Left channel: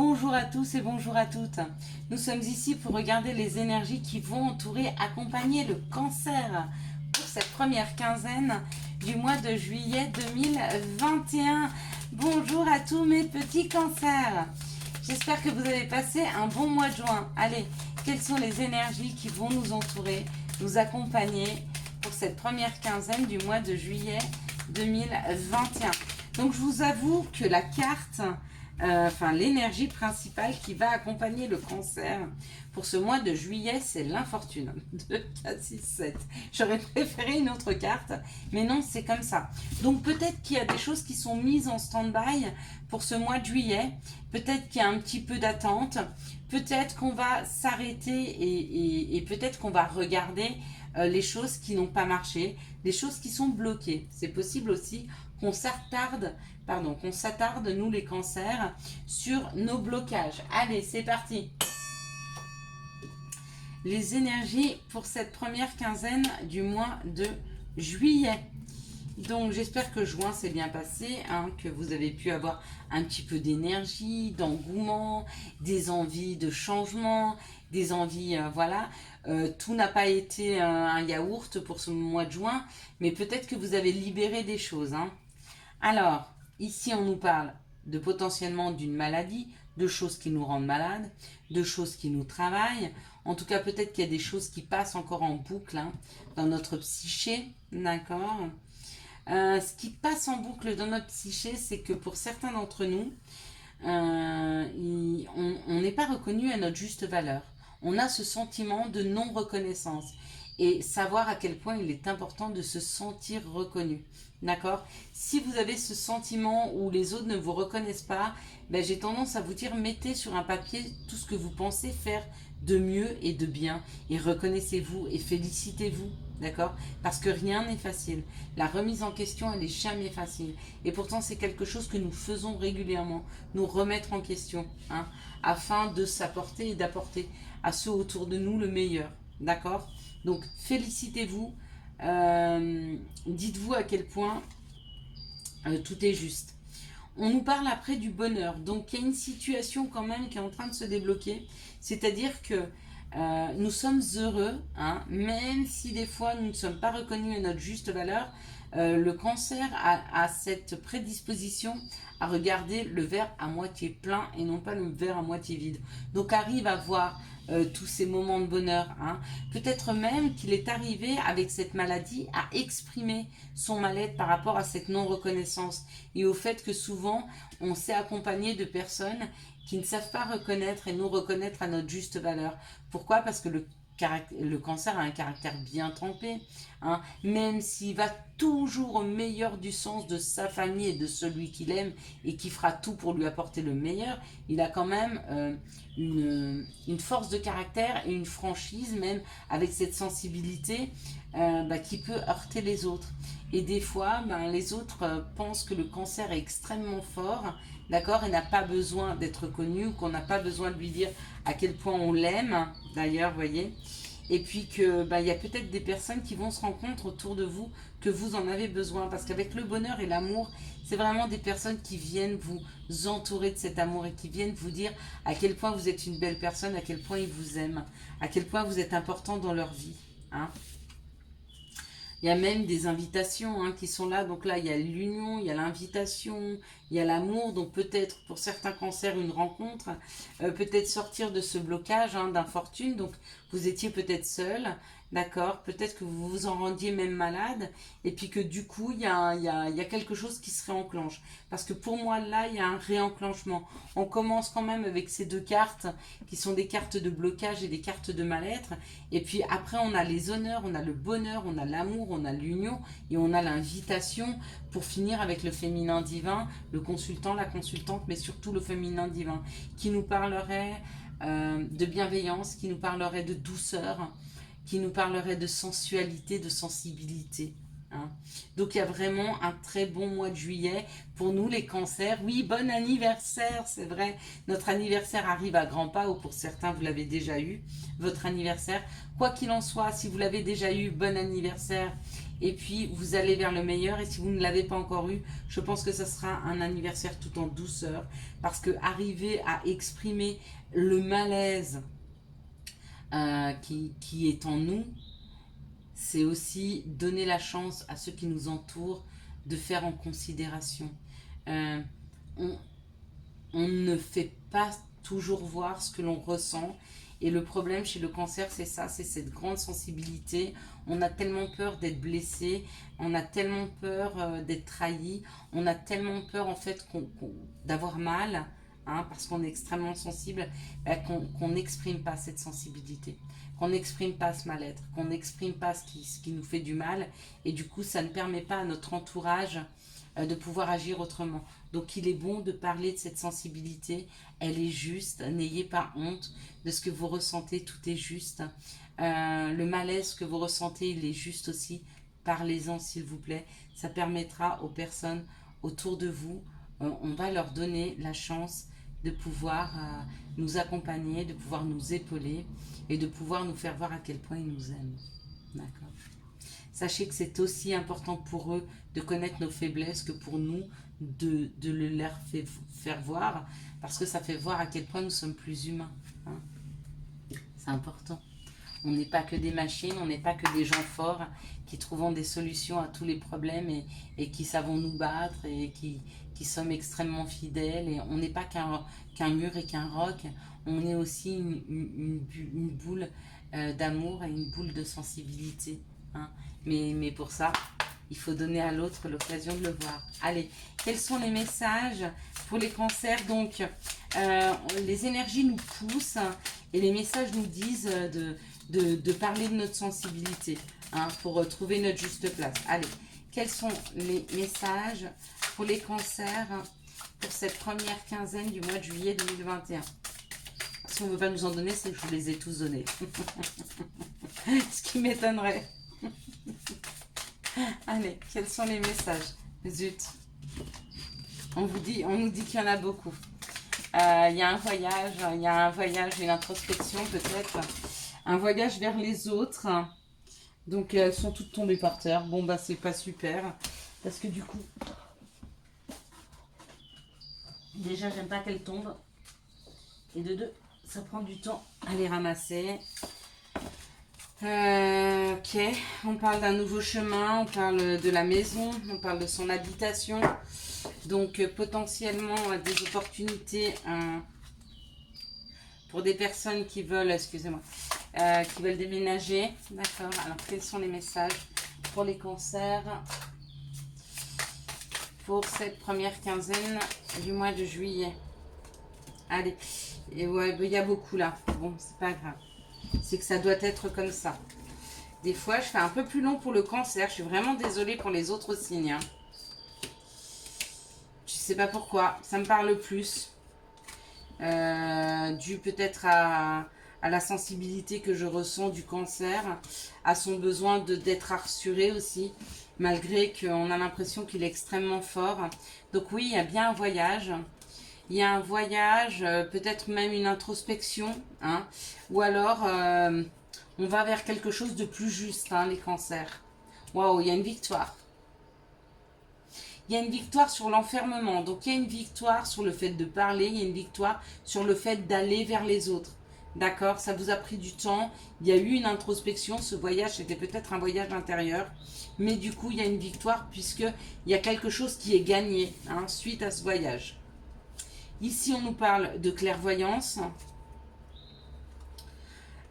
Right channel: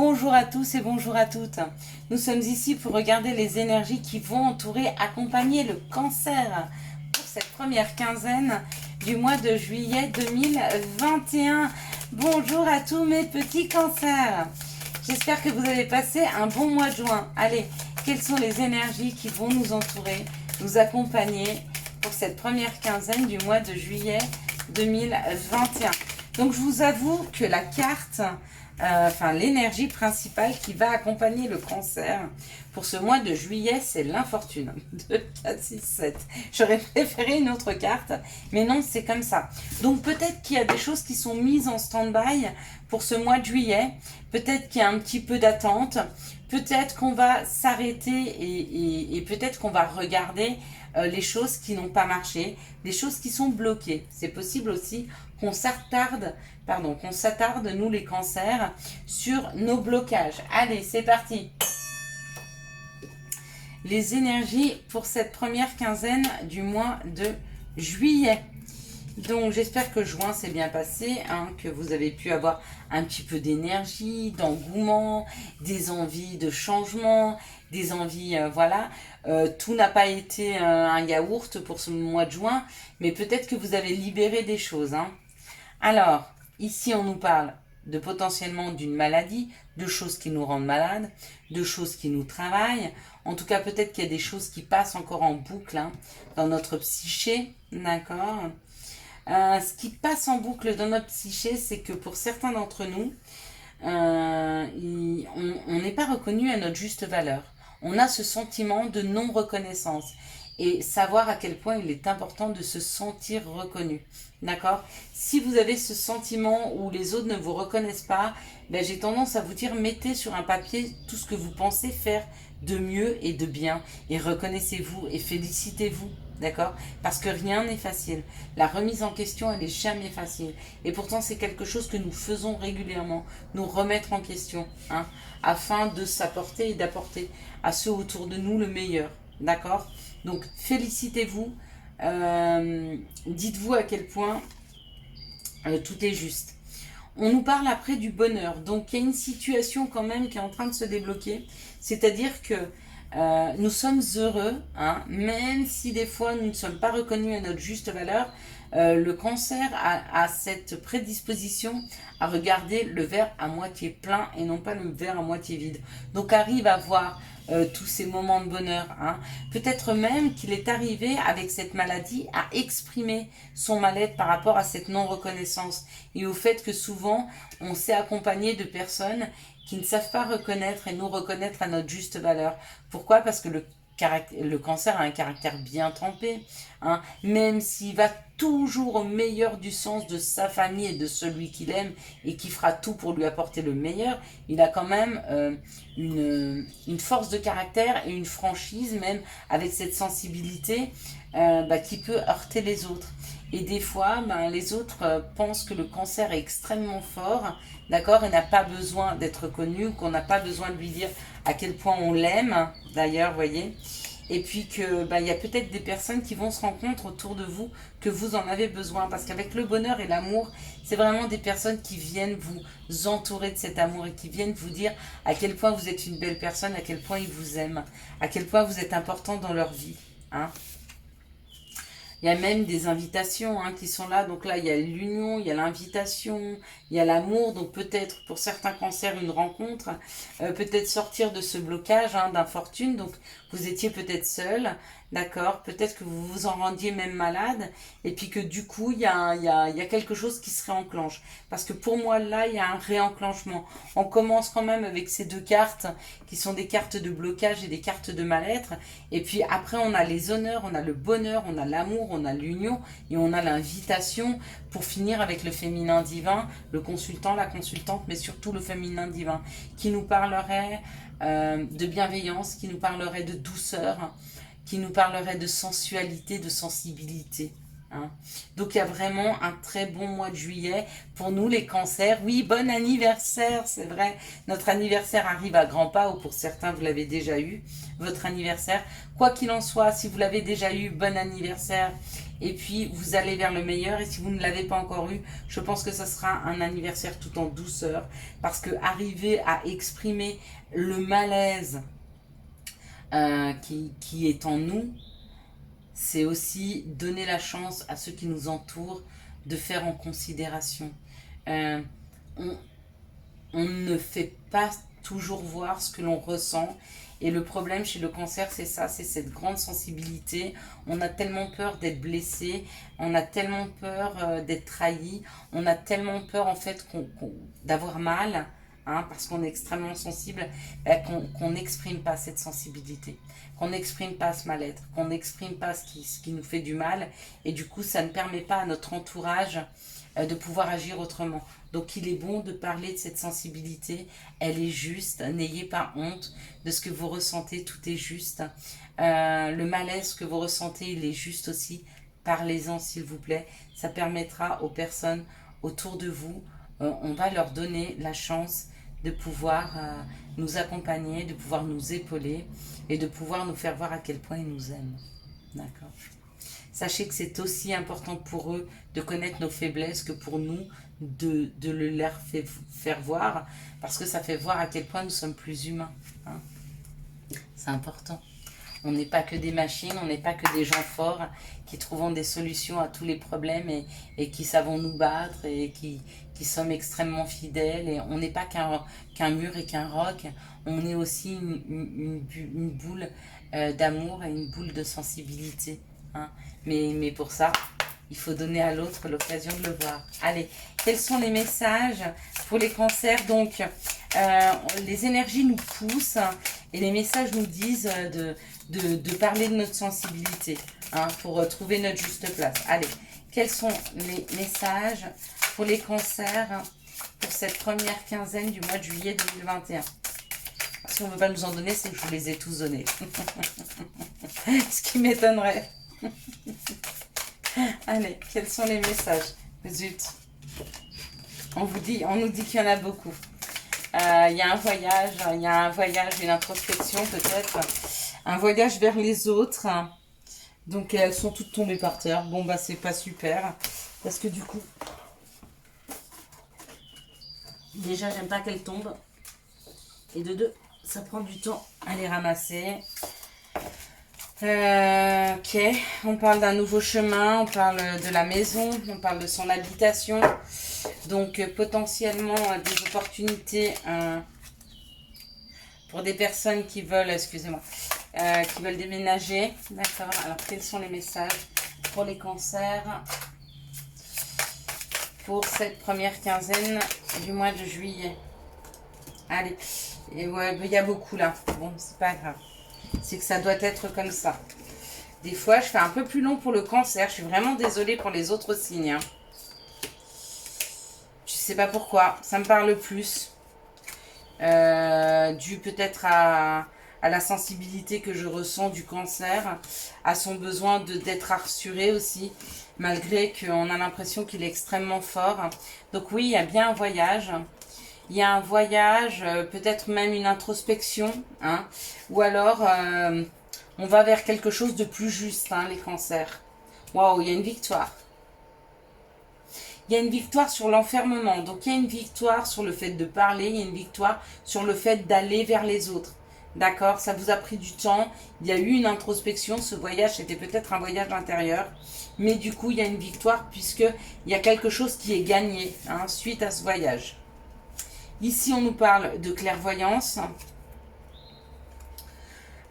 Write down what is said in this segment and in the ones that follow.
Bonjour à tous et bonjour à toutes. Nous sommes ici pour regarder les énergies qui vont entourer, accompagner le cancer pour cette première quinzaine du mois de juillet 2021. Bonjour à tous mes petits cancers. J'espère que vous avez passé un bon mois de juin. Allez, quelles sont les énergies qui vont nous entourer, nous accompagner pour cette première quinzaine du mois de juillet 2021. Donc je vous avoue que la carte, l'énergie principale qui va accompagner le cancer pour ce mois de juillet, c'est l'infortune. 2, 4, 6, 7. J'aurais préféré une autre carte, mais non, c'est comme ça. Donc peut-être qu'il y a des choses qui sont mises en stand-by pour ce mois de juillet. Peut-être qu'il y a un petit peu d'attente. Peut-être qu'on va s'arrêter et peut-être qu'on va regarder les choses qui n'ont pas marché, les choses qui sont bloquées. C'est possible aussi qu'on s'attarde, nous les cancers, sur nos blocages. Allez, c'est parti. Les énergies pour cette première quinzaine du mois de juillet. Donc j'espère que juin s'est bien passé, que vous avez pu avoir un petit peu d'énergie, d'engouement, des envies de changement, des envies, tout n'a pas été un yaourt pour ce mois de juin, mais peut-être que vous avez libéré des choses. Alors, ici on nous parle de potentiellement d'une maladie, de choses qui nous rendent malades, de choses qui nous travaillent. En tout cas, peut-être qu'il y a des choses qui passent encore en boucle dans notre psyché, d'accord ? Ce qui passe en boucle dans notre psyché, c'est que pour certains d'entre nous, on n'est pas reconnu à notre juste valeur. On a ce sentiment de non-reconnaissance et savoir à quel point il est important de se sentir reconnu. D'accord ? Si vous avez ce sentiment où les autres ne vous reconnaissent pas, j'ai tendance à vous dire, mettez sur un papier tout ce que vous pensez faire de mieux et de bien et reconnaissez-vous et félicitez-vous. D'accord ? Parce que rien n'est facile. La remise en question, elle n'est jamais facile. Et pourtant, c'est quelque chose que nous faisons régulièrement, nous remettre en question, afin de s'apporter et d'apporter à ceux autour de nous le meilleur. D'accord ? Donc, félicitez-vous. Dites-vous à quel point tout est juste. On nous parle après du bonheur. Donc, il y a une situation quand même qui est en train de se débloquer. C'est-à-dire que nous sommes heureux, même si des fois nous ne sommes pas reconnus à notre juste valeur. Le cancer a cette prédisposition à regarder le verre à moitié plein et non pas le verre à moitié vide. Donc arrive à voir tous ces moments de bonheur. Peut-être même qu'il est arrivé avec cette maladie à exprimer son mal-être par rapport à cette non-reconnaissance et au fait que souvent on s'est accompagné de personnes qui ne savent pas reconnaître et nous reconnaître à notre juste valeur. Pourquoi ? Parce que le cancer a un caractère bien trempé, même s'il va toujours au meilleur du sens de sa famille et de celui qu'il aime et qui fera tout pour lui apporter le meilleur, il a quand même une force de caractère et une franchise, même avec cette sensibilité qui peut heurter les autres. Et des fois, les autres pensent que le cancer est extrêmement fort, d'accord, et n'a pas besoin d'être connu, qu'on n'a pas besoin de lui dire à quel point on l'aime, d'ailleurs, voyez. Et puis que il y a peut-être des personnes qui vont se rendre compte autour de vous que vous en avez besoin. Parce qu'avec le bonheur et l'amour, c'est vraiment des personnes qui viennent vous entourer de cet amour et qui viennent vous dire à quel point vous êtes une belle personne, à quel point ils vous aiment, à quel point vous êtes important dans leur vie. Il y a même des invitations qui sont là. Donc là, il y a l'union, il y a l'invitation, il y a l'amour. Donc peut-être pour certains cancers, une rencontre. Peut-être sortir de ce blocage d'infortune. Donc vous étiez peut-être seul. D'accord ? Peut-être que vous vous en rendiez même malade. Et puis que du coup, il y a quelque chose qui se réenclenche. Parce que pour moi, là, il y a un réenclenchement. On commence quand même avec ces deux cartes qui sont des cartes de blocage et des cartes de mal-être. Et puis après, on a les honneurs, on a le bonheur, on a l'amour, on a l'union et on a l'invitation pour finir avec le féminin divin, le consultant, la consultante, mais surtout le féminin divin qui nous parlerait de bienveillance, qui nous parlerait de douceur, qui nous parlerait de sensualité, de sensibilité. hein. Donc, il y a vraiment un très bon mois de juillet pour nous, les cancers. Oui, bon anniversaire, c'est vrai. Notre anniversaire arrive à grands pas, ou pour certains, vous l'avez déjà eu, votre anniversaire. Quoi qu'il en soit, si vous l'avez déjà eu, bon anniversaire. Et puis, vous allez vers le meilleur. Et si vous ne l'avez pas encore eu, je pense que ça sera un anniversaire tout en douceur. Parce que arriver à exprimer le malaise qui est en nous, c'est aussi donner la chance à ceux qui nous entourent de faire en considération. Euh, on, on ne fait pas toujours voir ce que l'on ressent. Et le problème chez le cancer, c'est ça, c'est cette grande sensibilité. On a tellement peur d'être blessé, on a tellement peur d'être trahi, on a tellement peur en fait d'avoir mal, hein, parce qu'on est extrêmement sensible, qu'on n'exprime pas cette sensibilité, qu'on n'exprime pas ce mal-être, qu'on n'exprime pas ce qui nous fait du mal. Et du coup, ça ne permet pas à notre entourage de pouvoir agir autrement. Donc il est bon de parler de cette sensibilité, elle est juste, n'ayez pas honte de ce que vous ressentez, tout est juste. Le malaise que vous ressentez, il est juste aussi, parlez-en s'il vous plaît, ça permettra aux personnes autour de vous, on va leur donner la chance de pouvoir nous accompagner, de pouvoir nous épauler et de pouvoir nous faire voir à quel point ils nous aiment. D'accord. Sachez que c'est aussi important pour eux de connaître nos faiblesses que pour nous de le leur faire voir, parce que ça fait voir à quel point nous sommes plus humains, hein. C'est important. On n'est pas que des machines, on n'est pas que des gens forts qui trouvent des solutions à tous les problèmes et qui savons nous battre et qui sommes extrêmement fidèles. Et on n'est pas qu'un mur et qu'un roc, on est aussi une boule d'amour et une boule de sensibilité, hein. Mais pour ça, il faut donner à l'autre l'occasion de le voir. Allez, quels sont les messages pour les cancers? Donc, les énergies nous poussent et les messages nous disent de parler de notre sensibilité, hein, pour trouver notre juste place. Allez, quels sont les messages pour les cancers pour cette première quinzaine du mois de juillet 2021? Si on ne veut pas nous en donner, c'est que je vous les ai tous donnés. Ce qui m'étonnerait. Allez, quels sont les messages? Zut. On nous dit qu'il y en a beaucoup. Il y a un voyage, une introspection peut-être. Un voyage vers les autres. Donc elles sont toutes tombées par terre. Bon bah c'est pas super. Parce que du coup, déjà j'aime pas qu'elles tombent. Et de deux, ça prend du temps à les ramasser. Ok, on parle d'un nouveau chemin, on parle de la maison, on parle de son habitation. Donc potentiellement des opportunités pour des personnes qui veulent, excusez-moi, qui veulent déménager. D'accord, alors quels sont les messages pour les cancers pour cette première quinzaine du mois de juillet? Allez, et ouais, il y a beaucoup là, bon c'est pas grave. C'est que ça doit être comme ça. Des fois, je fais un peu plus long pour le cancer. Je suis vraiment désolée pour les autres signes, hein. Je sais pas pourquoi. Ça me parle plus. Dû peut-être à la sensibilité que je ressens du cancer, à son besoin d'être rassuré aussi, malgré qu'on a l'impression qu'il est extrêmement fort. Donc oui, il y a bien un voyage. Il y a un voyage, peut-être même une introspection, hein, ou alors on va vers quelque chose de plus juste, hein, les cancers. Waouh, il y a une victoire. Il y a une victoire sur l'enfermement, donc il y a une victoire sur le fait de parler, il y a une victoire sur le fait d'aller vers les autres. D'accord, ça vous a pris du temps, il y a eu une introspection, ce voyage c'était peut-être un voyage intérieur, mais du coup il y a une victoire puisqu'il y a quelque chose qui est gagné, hein, suite à ce voyage. Ici, on nous parle de clairvoyance.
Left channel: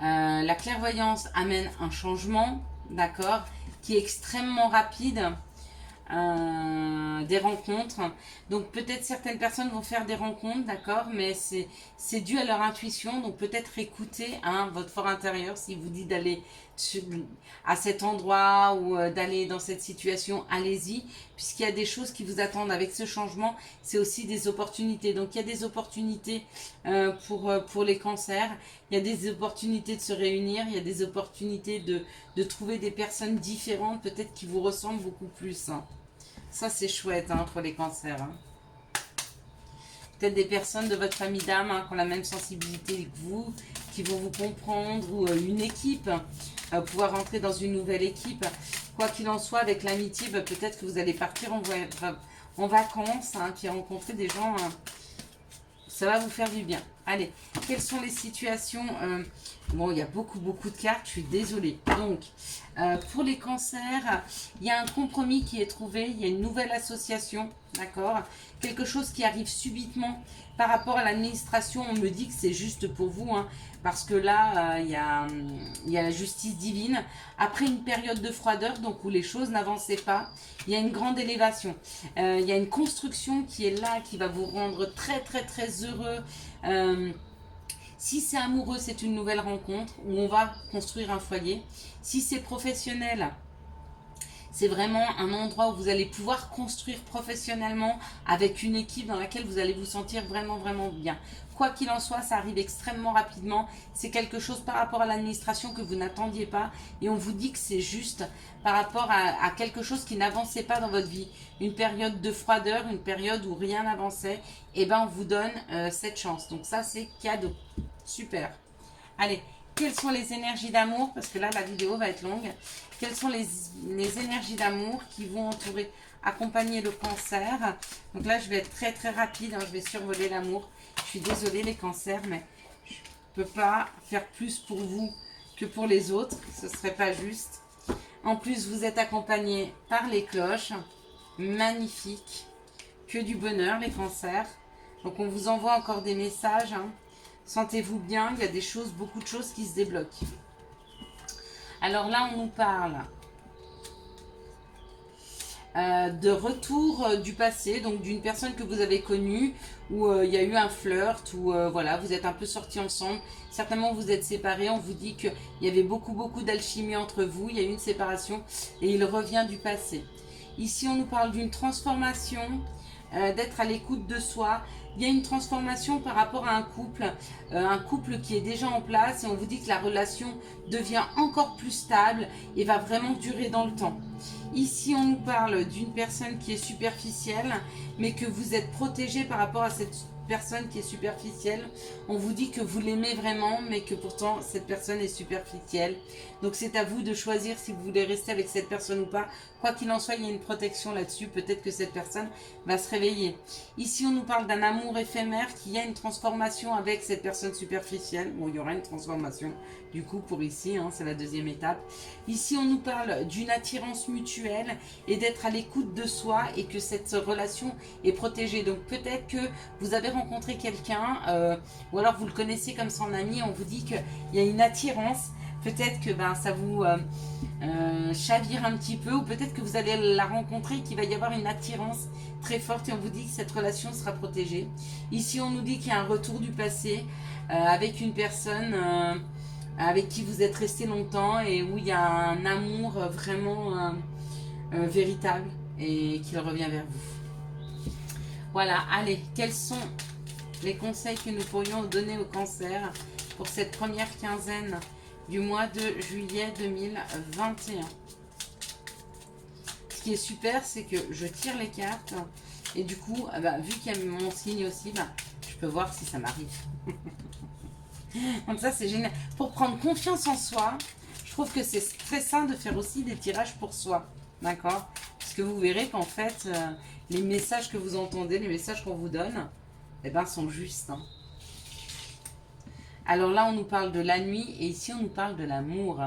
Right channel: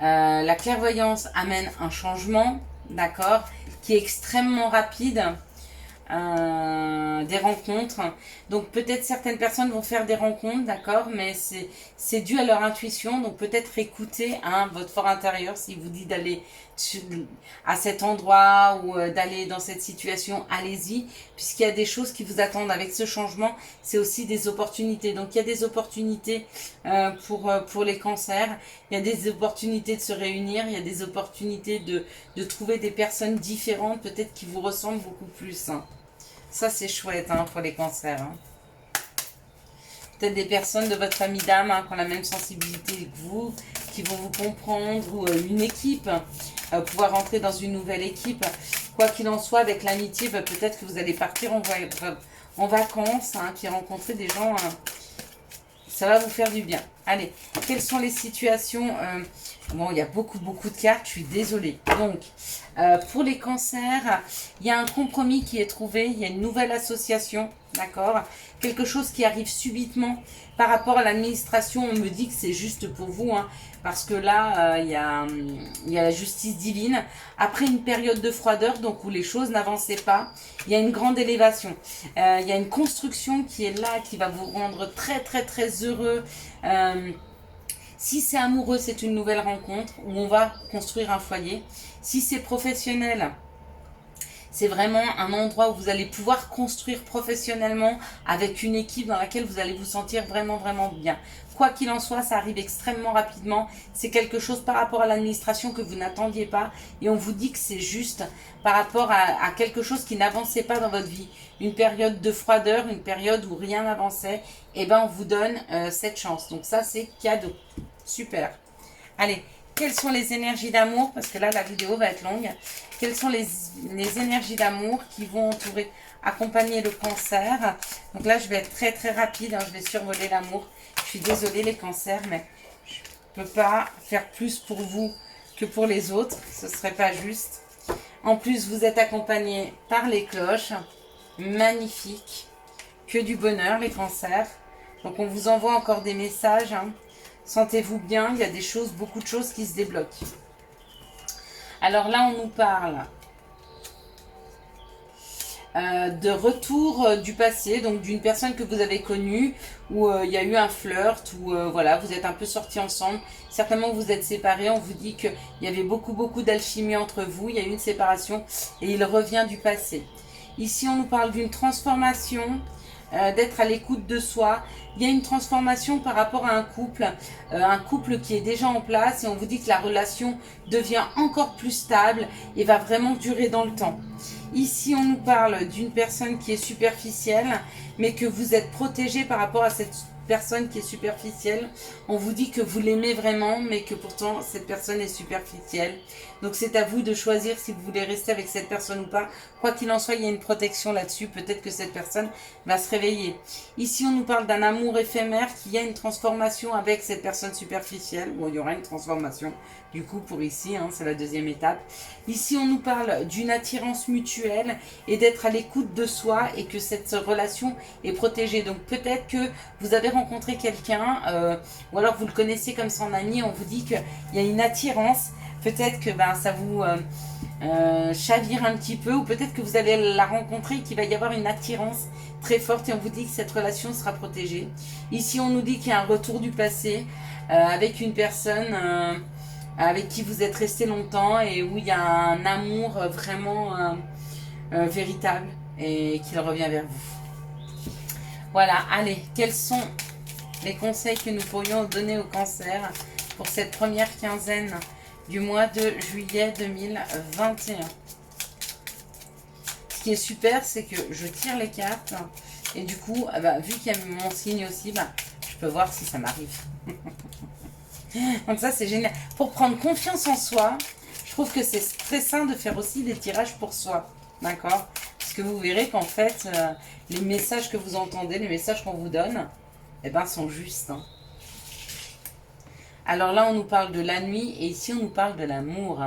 La clairvoyance amène un changement, d'accord, qui est extrêmement rapide. des rencontres. Donc peut-être certaines personnes vont faire des rencontres, d'accord, mais c'est dû à leur intuition. Donc peut-être écouter votre fort intérieur. S'il vous dit d'aller à cet endroit ou d'aller dans cette situation, allez-y, puisqu'il y a des choses qui vous attendent. Avec ce changement, c'est aussi des opportunités. Donc il y a des opportunités pour les cancers, il y a des opportunités de se réunir, il y a des opportunités de trouver des personnes différentes, peut-être qui vous ressemblent beaucoup plus. Ça, c'est chouette pour les cancers. Peut-être des personnes de votre famille d'âme qui ont la même sensibilité que vous, qui vont vous comprendre, ou une équipe, pouvoir rentrer dans une nouvelle équipe. Quoi qu'il en soit, avec l'amitié, peut-être que vous allez partir en vacances, puis rencontrer des gens, ça va vous faire du bien. Allez, quelles sont les situations bon, il y a beaucoup de cartes, je suis désolée. Donc, pour les cancers, il y a un compromis qui est trouvé, il y a une nouvelle association, d'accord? Quelque chose qui arrive subitement par rapport à l'administration. On me dit que c'est juste pour vous, parce que là, il y a la justice divine. Après une période de froideur, donc où les choses n'avançaient pas, il y a une grande élévation. Il y a une construction qui est là, qui va vous rendre très heureux. Si c'est amoureux, c'est une nouvelle rencontre où on va construire un foyer. Si c'est professionnel, c'est vraiment un endroit où vous allez pouvoir construire professionnellement avec une équipe dans laquelle vous allez vous sentir vraiment bien. Quoi qu'il en soit, ça arrive extrêmement rapidement. C'est quelque chose par rapport à l'administration que vous n'attendiez pas. Et on vous dit que c'est juste par rapport à quelque chose qui n'avançait pas dans votre vie. Une période de froideur, une période où rien n'avançait. Et bien, on vous donne cette chance. Donc ça, c'est cadeau. Super. Allez, quelles sont les énergies d'amour? Parce que là, la vidéo va être longue. Quelles sont les énergies d'amour qui vont accompagner le cancer? Donc là, je vais être très rapide. Je vais survoler l'amour. Je suis désolée les cancers, mais je ne peux pas faire plus pour vous que pour les autres. Ce ne serait pas juste. En plus, vous êtes accompagnés par les cloches. Magnifique. Que du bonheur, les cancers. Donc, on vous envoie encore des messages. Sentez-vous bien. Il y a des choses, beaucoup de choses qui se débloquent. Alors là, on nous parle de retour du passé, donc d'une personne que vous avez connue, où il y a eu un flirt, où voilà, vous êtes un peu sortis ensemble, certainement vous êtes séparés, on vous dit qu'il y avait beaucoup d'alchimie entre vous, il y a eu une séparation et il revient du passé. Ici on nous parle d'une transformation, d'être à l'écoute de soi. Il y a une transformation par rapport à un couple qui est déjà en place, et on vous dit que la relation devient encore plus stable et va vraiment durer dans le temps. Ici, on nous parle d'une personne qui est superficielle, mais que vous êtes protégé par rapport à cette personne qui est superficielle. On vous dit que vous l'aimez vraiment, mais que pourtant, cette personne est superficielle. Donc, c'est à vous de choisir si vous voulez rester avec cette personne ou pas. Quoi qu'il en soit, il y a une protection là-dessus. Peut-être que cette personne va se réveiller. Ici, on nous parle d'un amour éphémère, qu'il y a une transformation avec cette personne superficielle. Bon, il y aura une transformation. Du coup, pour ici, c'est la deuxième étape. Ici, on nous parle d'une attirance mutuelle et d'être à l'écoute de soi, et que cette relation est protégée. Donc, peut-être que vous avez rencontré quelqu'un, ou alors vous le connaissez comme son ami, on vous dit qu'il y a une attirance. Peut-être que ça vous chavire un petit peu, ou peut-être que vous allez la rencontrer et qu'il va y avoir une attirance très forte, et on vous dit que cette relation sera protégée. Ici, on nous dit qu'il y a un retour du passé avec une personne avec qui vous êtes resté longtemps, et où il y a un amour vraiment véritable, et qu'il revient vers vous. Voilà, allez, quels sont les conseils que nous pourrions donner au cancer pour cette première quinzaine du mois de juillet 2021? Ce qui est super, c'est que je tire les cartes, et du coup, vu qu'il y a mon signe aussi, je peux voir si ça m'arrive. Donc ça, c'est génial. Pour prendre confiance en soi, je trouve que c'est très sain de faire aussi des tirages pour soi. D'accord? Parce que vous verrez qu'en fait, les messages que vous entendez, les messages qu'on vous donne, sont justes. Alors là, on nous parle de la nuit, et ici, on nous parle de l'amour.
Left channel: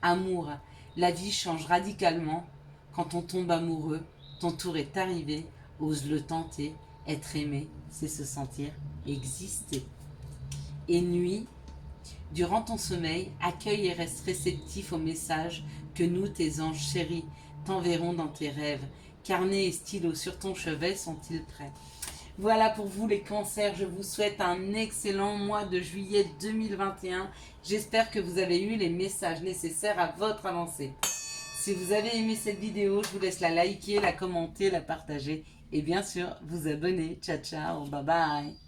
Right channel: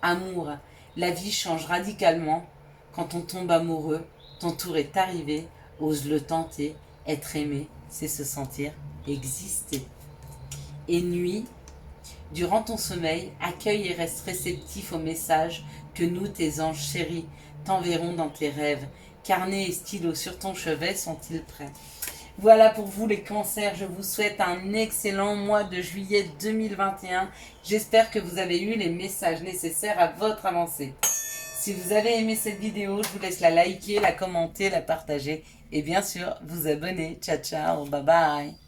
Amour. La vie change radicalement quand on tombe amoureux. Ton tour est arrivé. Ose le tenter. Être aimé, c'est se sentir exister. Et nuit, durant ton sommeil, accueille et reste réceptif aux messages que nous, tes anges chéris, t'enverront dans tes rêves. Carnet et stylo sur ton chevet sont-ils prêts? Voilà pour vous les cancers, je vous souhaite un excellent mois de juillet 2021. J'espère que vous avez eu les messages nécessaires à votre avancée. Si vous avez aimé cette vidéo, je vous laisse la liker, la commenter, la partager et bien sûr vous abonner. Ciao ciao, bye bye.